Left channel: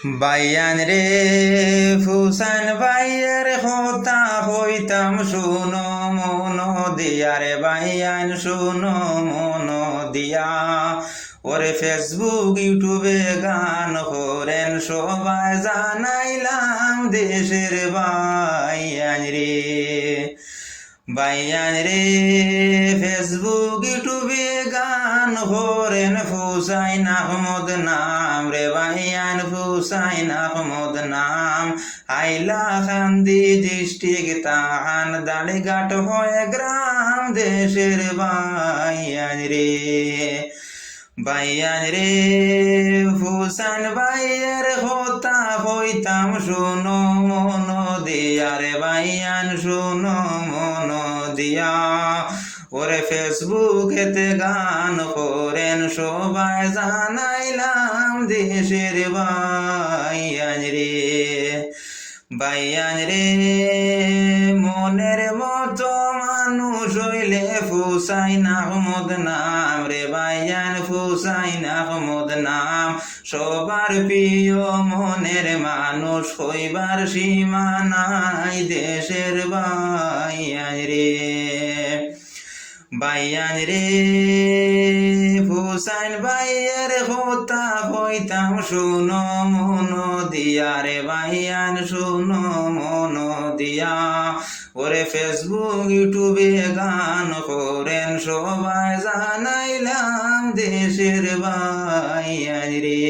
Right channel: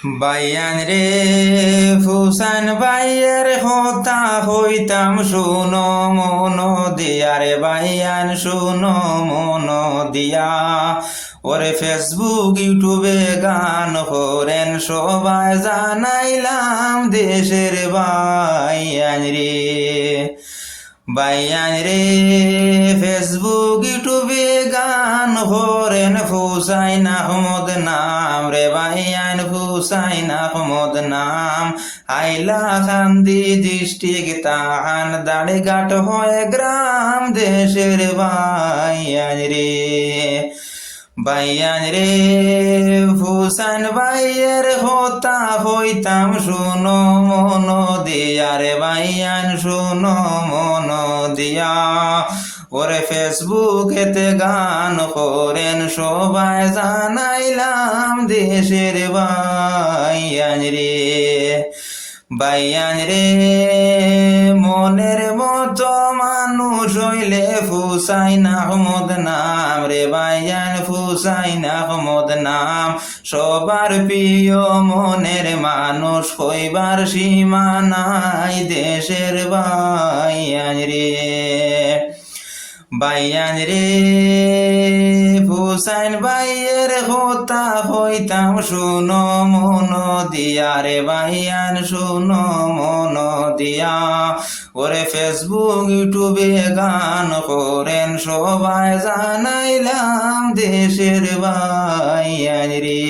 বাইয়ান রে ফুসান বাইয়ের হতা হইতাম শুনো মন দিয়া রে বাইয়ান শুনো মন দিয়া। ওরে ফেসবুক ইউটিউবে গান করেন সবাই জানাইলাম দেশের বাইয়ান রে। বাইয়ান রে ফেসবুক ইউটিউবে গান করেন হুসাইন আহমদ নাম রে বাইয়ান হুসাইন আহমদ নাম। আইলা কান্দি ডিস্ট্রিক্ট তাহান দাড়িঘাট হয়ে গ্রাম দেশের বাইয়ান রে। বাইয়ান রে হুসাইন বাইয়ের হতা হইতাম শুনো মন দিয়া রে বাইয়ান শুনো মন দিয়া। ওরে ফেসবুকেতে গান করেন সবাই জানাইলাম দেশের বাইয়ান রে। বাইয়ান রে মনের মতো মানুষ হইলে হুসাইন আহমদ নাম রে বাইয়ান হুসাইন আহমদ নাম। সবার প্রিয় মনের মানুষ হইবার সীমা নাই দেশের বাইয়ান রে। বাইয়ান রে হুসাইন বাইয়ের হতা হইতাম শুনো মন দিয়া রে বাইয়ান শুনো মন দিয়া। ওরে ফেসবুক ইউটিউবে গান করেন সবাই জানাইলাম দেশের বাইয়ান রে।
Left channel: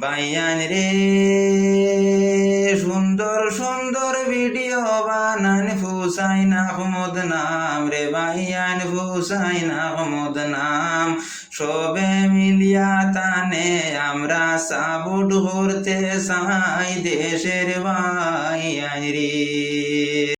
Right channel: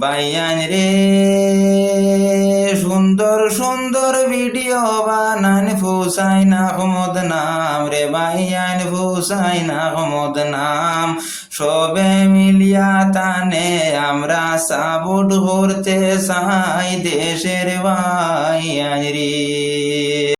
বাইয়ান রে সুন্দর সুন্দর ভিডিও বানান হুসাইন আহমদ নাম রে বাইয়ান হুসাইন আহমদ নাম। সবে মিলিয়া তানে আমরা সাপোর্ট করতে চাই দেশের বাইয়ান